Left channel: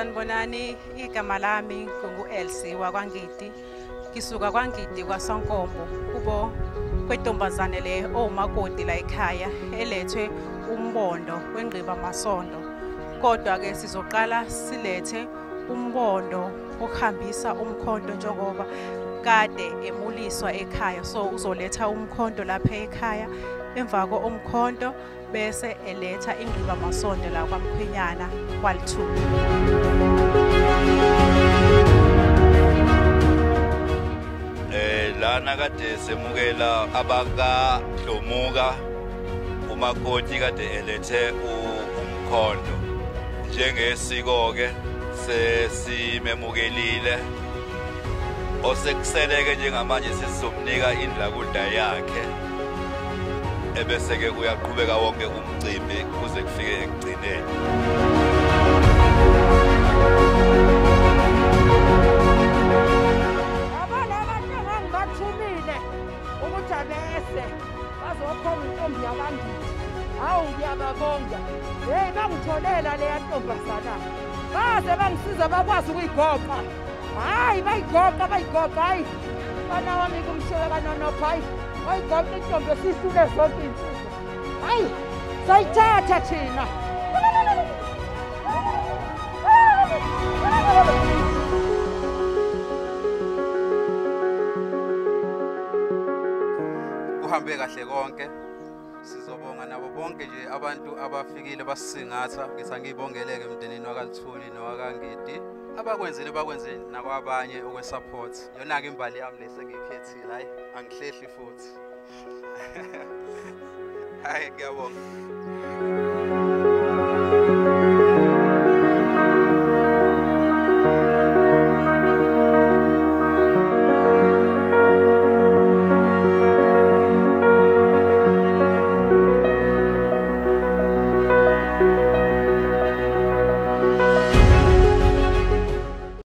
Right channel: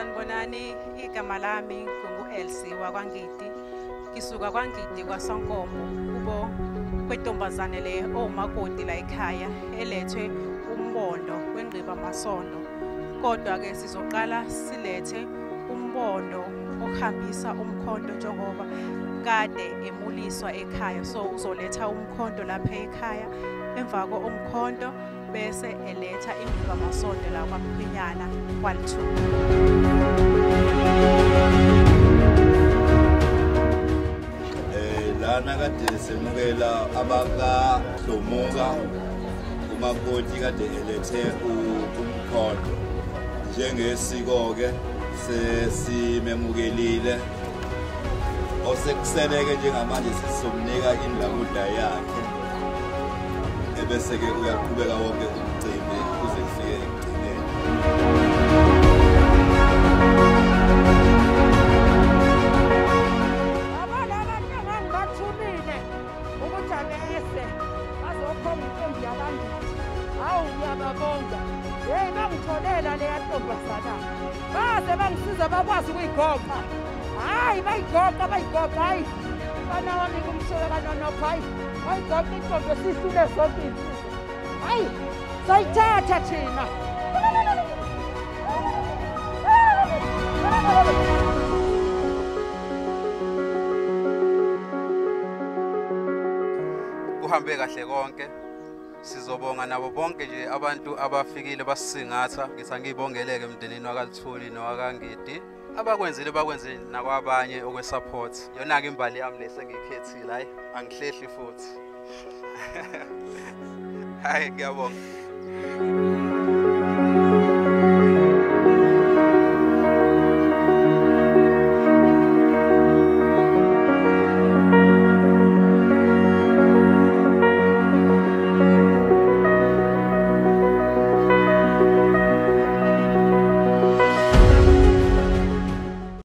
Sanibonani, igama lami ngingu-Elsie wakwaNgidi. Ngisuka kwaNgidi kwaSonkombo kubo kwentombazane le omakoti la ekhaya elethwe umbondo wengqiba masondo. Kodwa ke sizoqala silethe umbondo okuhambisa umkhonto njengoba kade emuliswa ekhaya. So uzoletha umkhonto lapha ekhaya, emva komkhonto bese eletha ingqiba masondo la kwaMkhwenyana kwalithuba. Lana kade semukela abaka Dlomuka umakoti kade elethe umkhonto. Njengesiko ke sesimemukelile osekuseleke njengamanje sizomnika indlakuda yakhe ebese ke uyaqhubeka wonke umcimbi kuze kufike ekugcineni. Ukuthi abese bazokhomba intombi yabaNgidi. Hawu ngiyababonga. Hey bangitholela leya ntombazana. Baze bangisiza bakwazi ukuyigoqa. Hayi bayigoqa hayi. Bana wami kumshweka noNopha hayi. Bayigoqa intombi esisule zonke insizwa. Hayi sayithatha thina. Kuhambe kahle konke. Sizobonga nabo bonke nje abantu abafikile basisingatha. Ngithi ngibongeleke emndenini wakwaLithuli nowakaNgidi. Abakwenzile bakwenzile nakwabanye okwesupport. Yona ke imbali yami lesengikhethile hayi angihlehli futhi. Hayi ngiyabonga.